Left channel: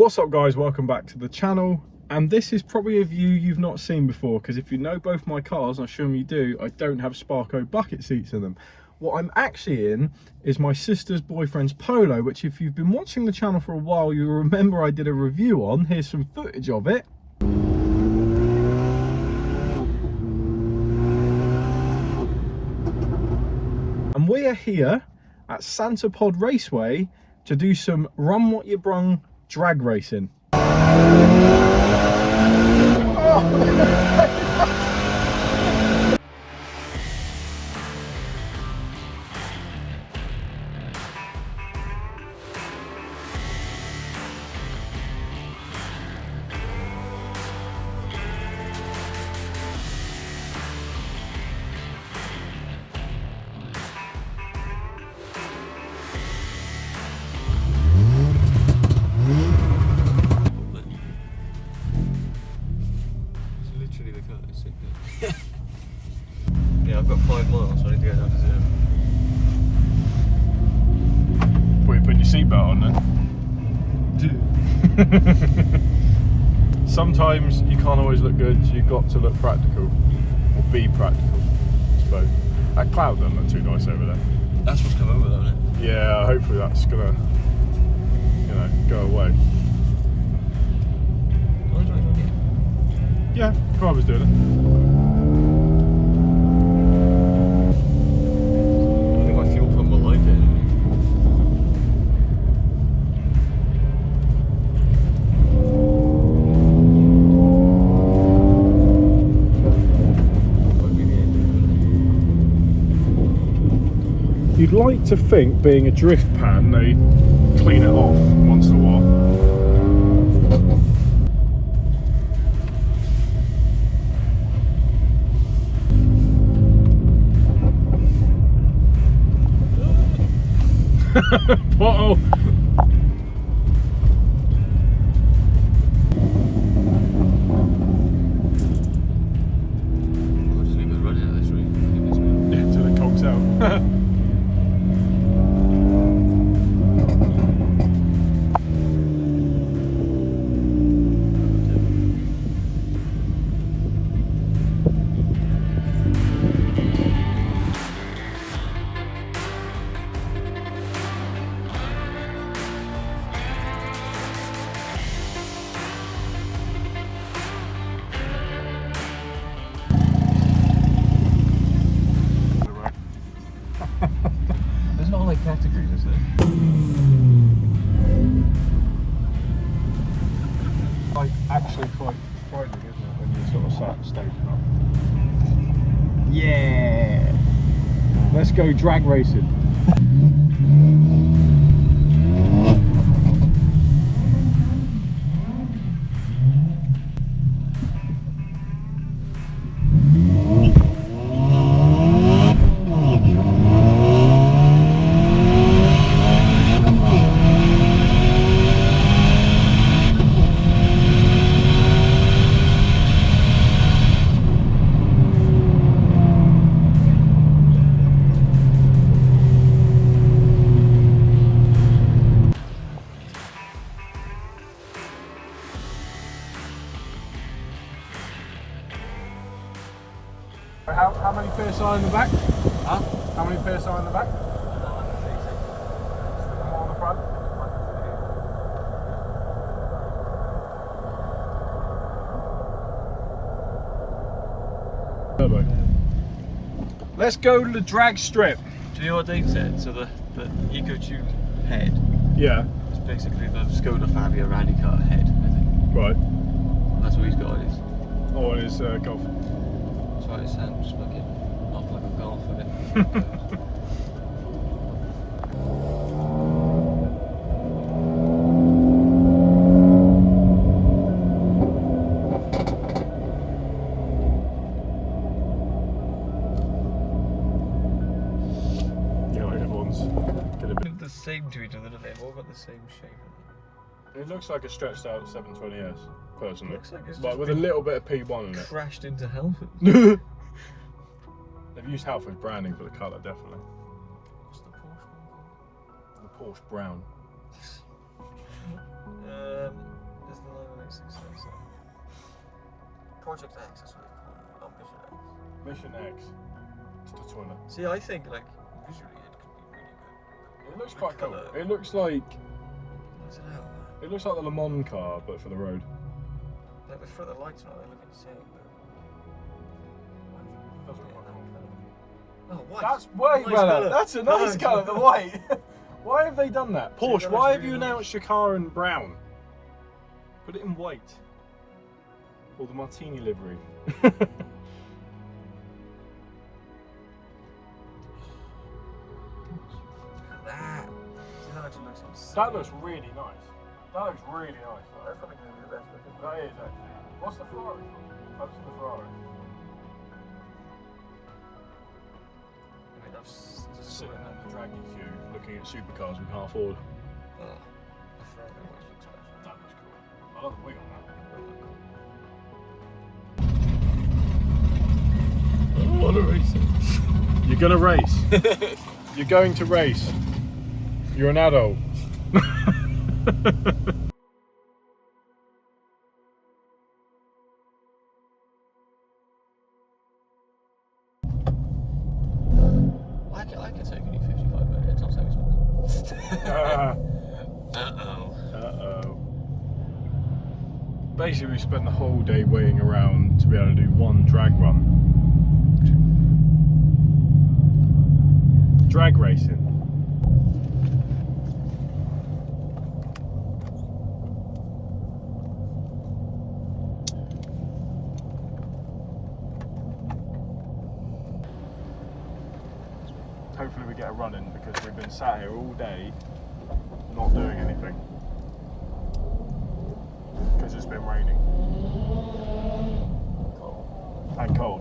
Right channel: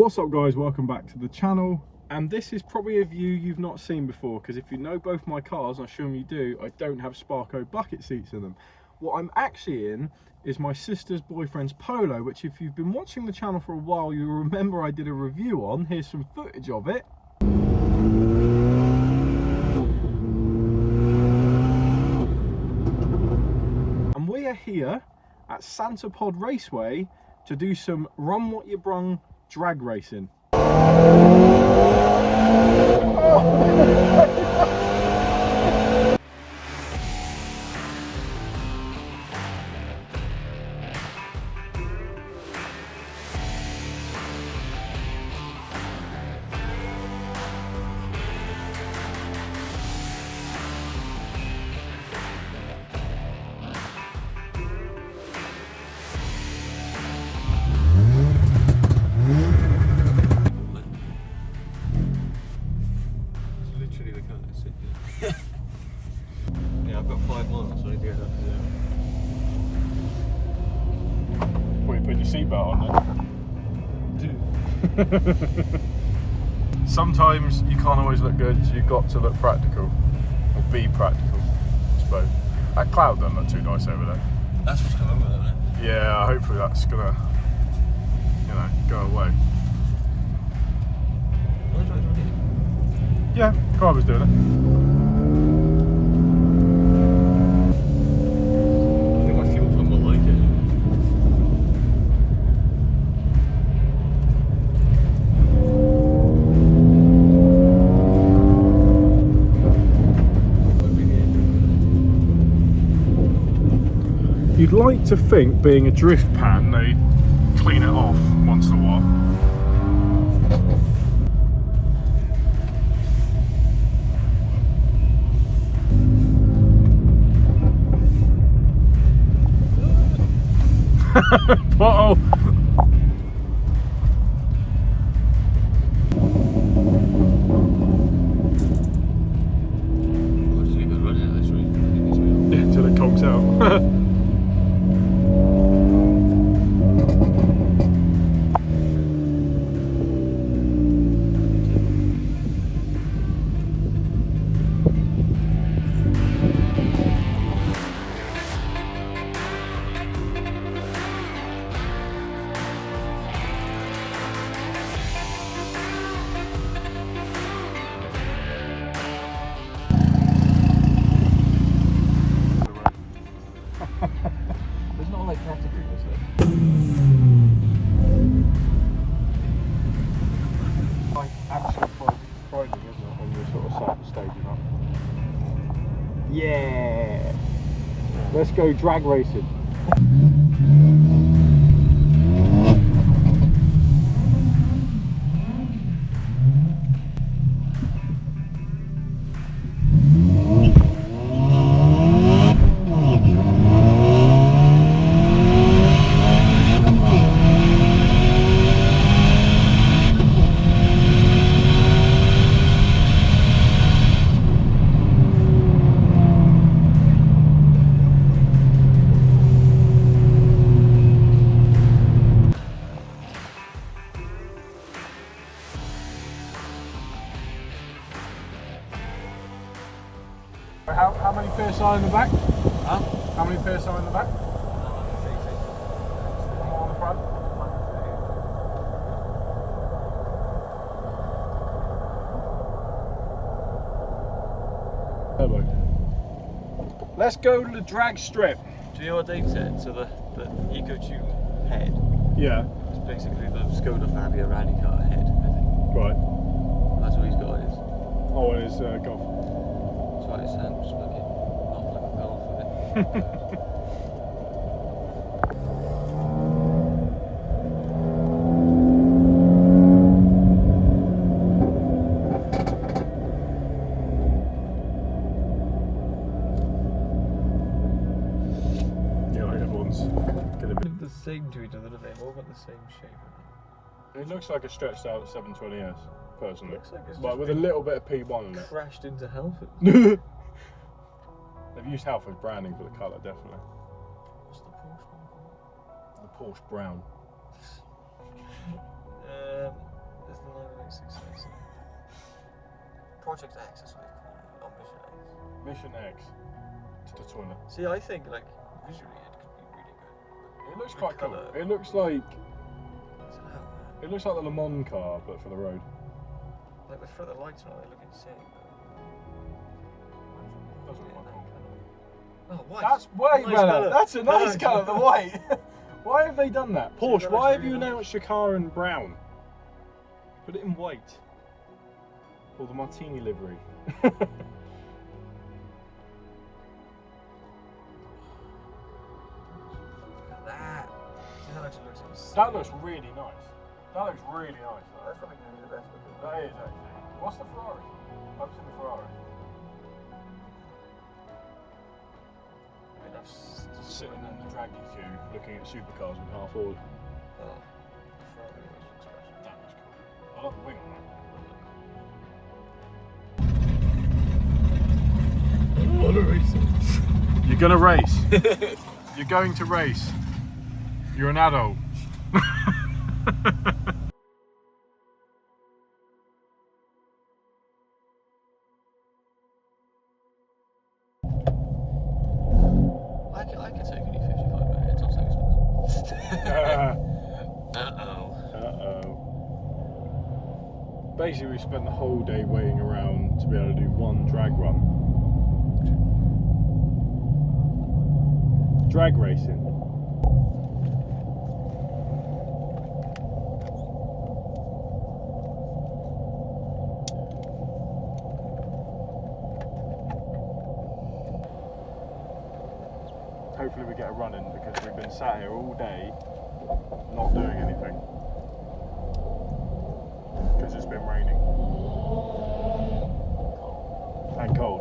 What's up guys, welcome back to the channel, and this is probably a view you've not seen before, because if you know both my cars, I assume you do, I don't have Sparko bucket seats in them. What I'm actually in is my sister's boyfriend's Polo, which if you've been watching the channel for a while, you'll remember I did a review on. Here's some footage of it. And we are here at Santa Pod Raceway to do some run what you brung drag racing. Yeah, I've got 5 miles, so I need to get out. What, you putting your seatbelt on then? Sometimes you can't always look good, so you've got to look practical. Or be practical, I suppose. That cloud doesn't look too nice over there. That's what's come over though, isn't it? Yeah, hopefully that's gonna, go away. Yeah, car was doing it. You'd like to think, being a drift pan, they clean it off once in a while. Bottle. Yeah, until it conks out. There's not like categories, is there? Like actually quite frightening, isn't it, when you're sort of sat staged up. Yeah! Let's go drag racing. How many PSI in the back? Huh? How many PSI in the back? More on the front? Turbo. Let's go to the drag strip. Do you know what Dave said? So the EcoTune head. Yeah. It's basically the Skoda Fabia rally car head, I think. Right. That's what he's got on his. Oh, it is Golf. That's what it said. Just fucking not like a golf, isn't it? Yeah, like everyone's gonna be. They're the same to each other, they've all got the same shape. It looks like a stretched out 720S, personally. Looks like it's but just with a little bit of P1 in it. Crashed into Halford. They've used Halford branding for the colour, definitely. What's the Porsche one? The Porsche brown. Project X, that's what they call it. Oh, Mission X. Mission X. It's the toilet. See, I think like visually it could be really good. It looks The quite cool. colour. It looks like I don't know. it looks like the Le Mans car, but for the road. Like the front of the lights and all, they look insane. But Doesn't look quite cool. oh, white. That's way Nice better. colour. That's a nice Nice colour. The colour. white. Why have they done that? See, Porsche, that why looks have you really announced your car in brown? Put it in white. Or the Martini livery. Ah. See, that actually looks insane. That looks really nice. That looks really nice. That's probably going to be the best looking. That is actually. What's the Ferrari? I've seen the Ferrari. I mean, that's just sitting in the draggy queue looking at supercars we can't afford. That looks cool. I love the wing on that. What a racing. You're gonna race. You're going to race. You're an adult. I could take only 55 minutes, I'll take this Uh-oh. Basically, we spent the whole day waiting around to be able to do one drag run. Drag racing. Hopefully we get a run in because we've been sat here all day not doing anything because it's been raining and cold.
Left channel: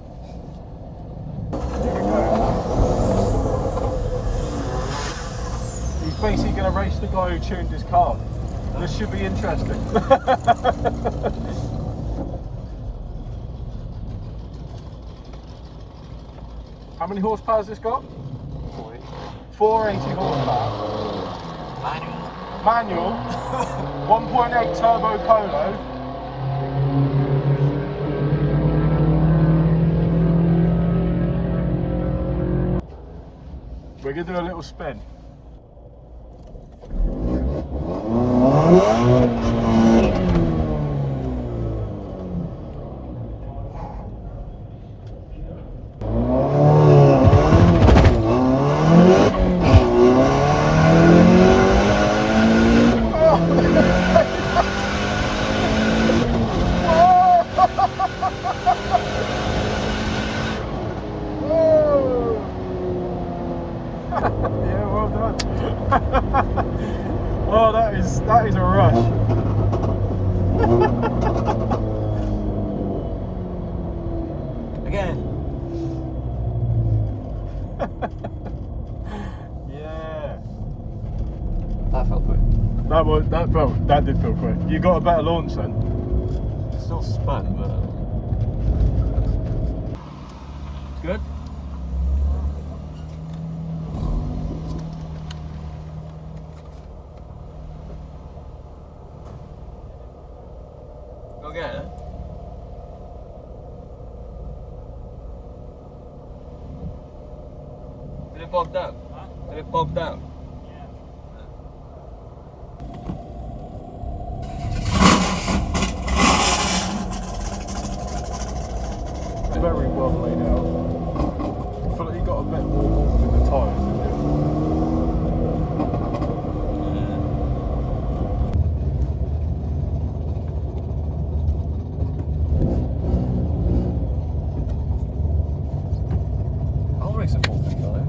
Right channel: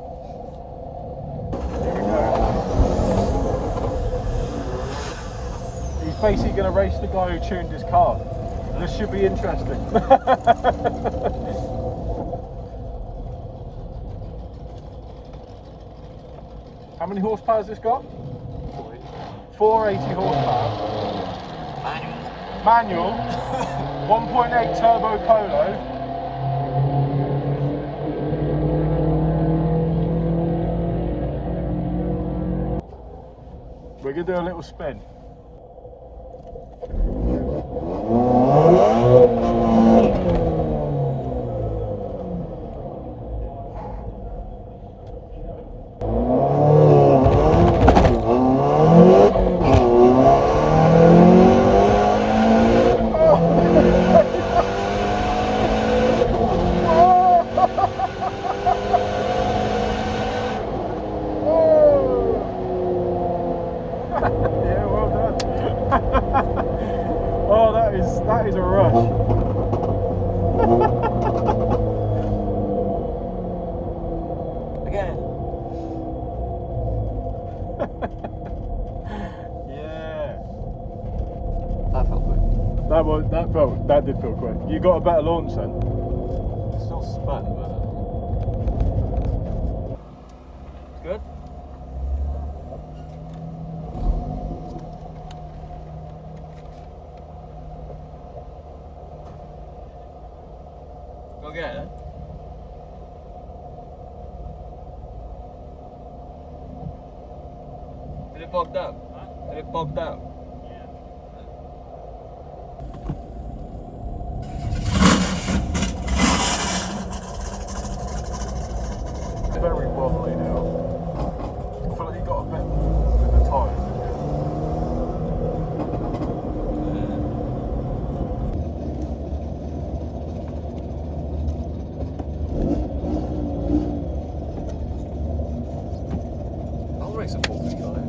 Here we go. He's basically going to race the guy who tuned his car. This should be interesting. How many horsepower has this got? 480 horsepower. Manual. 1.8 turbo Polo. We're going to do a little spin. Yeah, well done. Oh, that is a rush. Again. Yeah. That felt quick. That did feel quick. You got a better launch then. It's still spun, but it's good. Go again, eh? Did it bog down? Did it bog down? Very well laid out. I feel like you got a bit with the tyres. I'll race a 435.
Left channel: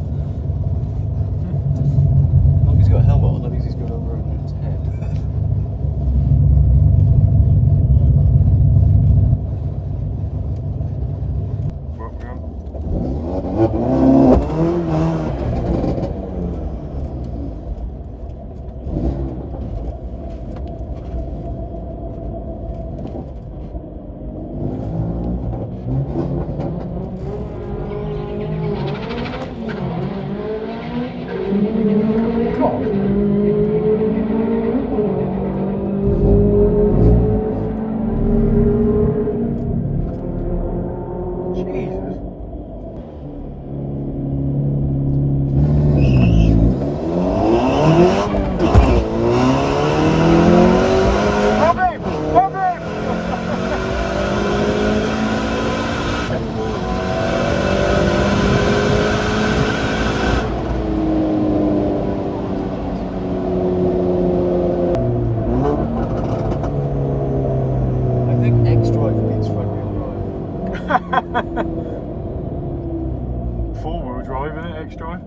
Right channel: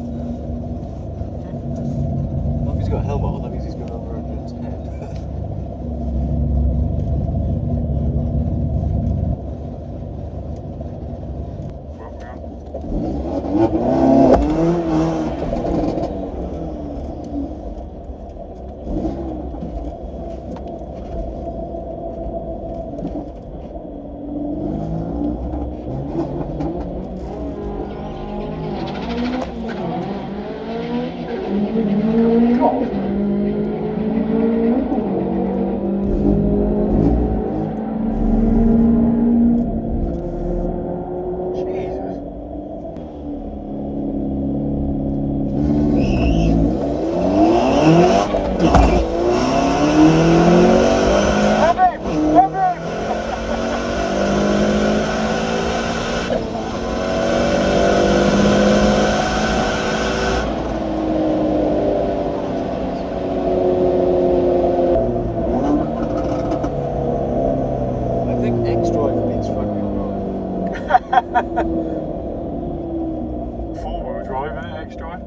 Four-wheel drive, isn't it? X-drive?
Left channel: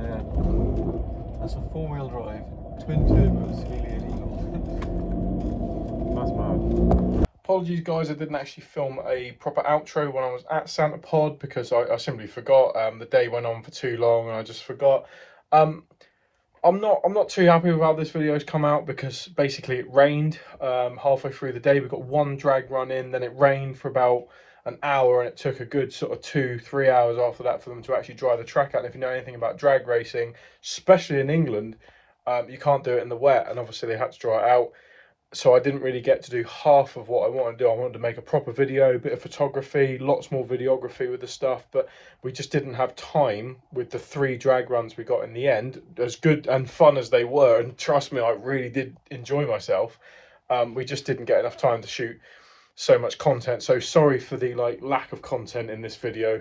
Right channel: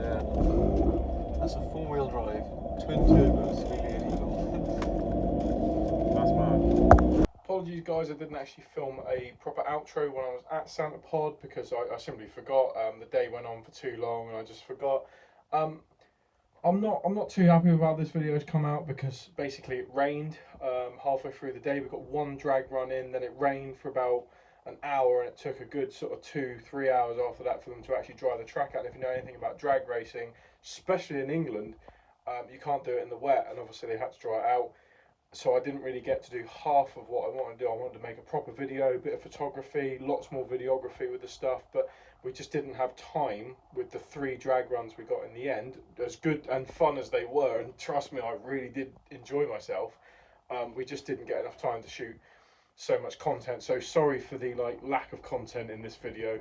Yeah. That's a four-wheel drive. Twin turbos, really illegal. That's mad. Apologies guys, I didn't actually film a proper outro when I was at Santa Pod because I simply forgot. The day went on for too long and I just forgot. I'm not too happy with how this video's come out because basically it rained halfway through the day. We got one drag run in, then it rained for about an hour, and it took a good sort of 2-3 hours after that for them to actually dry the track out. And if you know anything about drag racing, especially in England, you can't do it in the wet, and obviously they had to dry it out. So I didn't really get to do half of what I wanted to do. I wanted to make a proper video, a bit of photography, lots more videography with the stuff, but we just didn't have time with the 3 drag runs we got in the end. As good and fun as they were, and trust me, I really did enjoy myself, we just didn't get enough time to shoot so much content. So sorry for the lack of content in this video.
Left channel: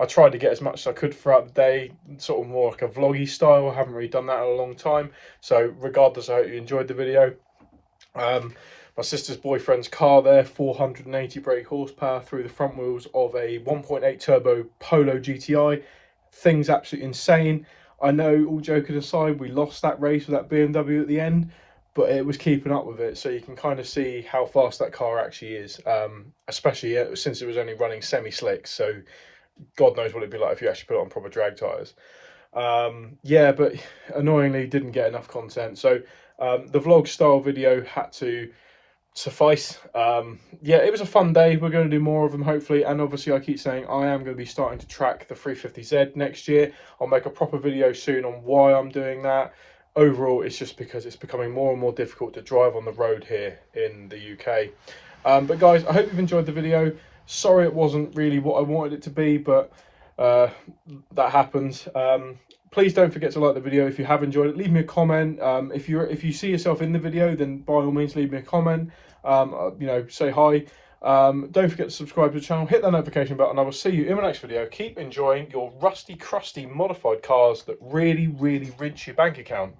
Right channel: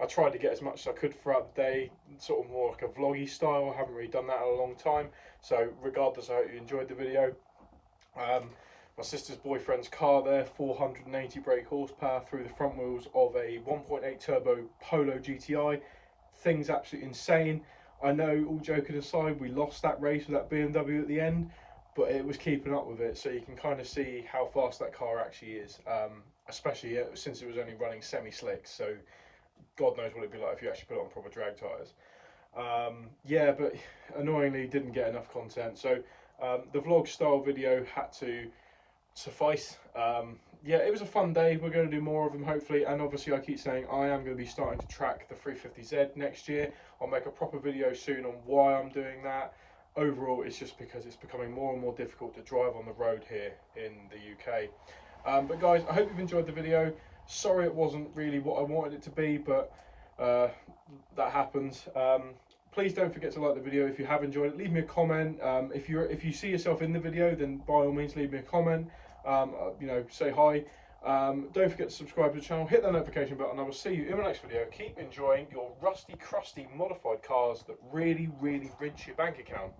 I tried to get as much as I could throughout the day, sort of more like a vloggy style. I haven't really done that in a long time. So regardless, I hope you enjoyed the video. My sister's boyfriend's car there, 480 brake horsepower through the front wheels of a 1.8 turbo Polo GTI. Thing's absolutely insane. I know, all joking aside, we lost that race with that BMW at the end, but it was keeping up with it, so you can kind of see how fast that car actually is, especially since it was only running semi-slicks, so God knows what it'd be like if you actually put it on proper drag tyres. Yeah, but annoyingly didn't get enough content, so the vlog style video had to suffice. Yeah, it was a fun day. We're going to do more of them hopefully, and obviously I keep saying I am going to be starting to track the 350Z next year. I'll make a proper video soon on why I'm doing that. Overall, it's just because it's becoming more and more difficult to drive on the road here in the UK. But guys, I hope you've enjoyed the video. Sorry it wasn't really what I wanted it to be, but that happens. Please don't forget to like the video if you have enjoyed it. Leave me a comment. If you see yourself in the video, then by all means leave me a comment. You know, say hi. Don't forget to subscribe to the channel, hit that notification button. I will see you in my next video. Keep enjoying your rusty, crusty, modified cars that really, really rinse your bank account.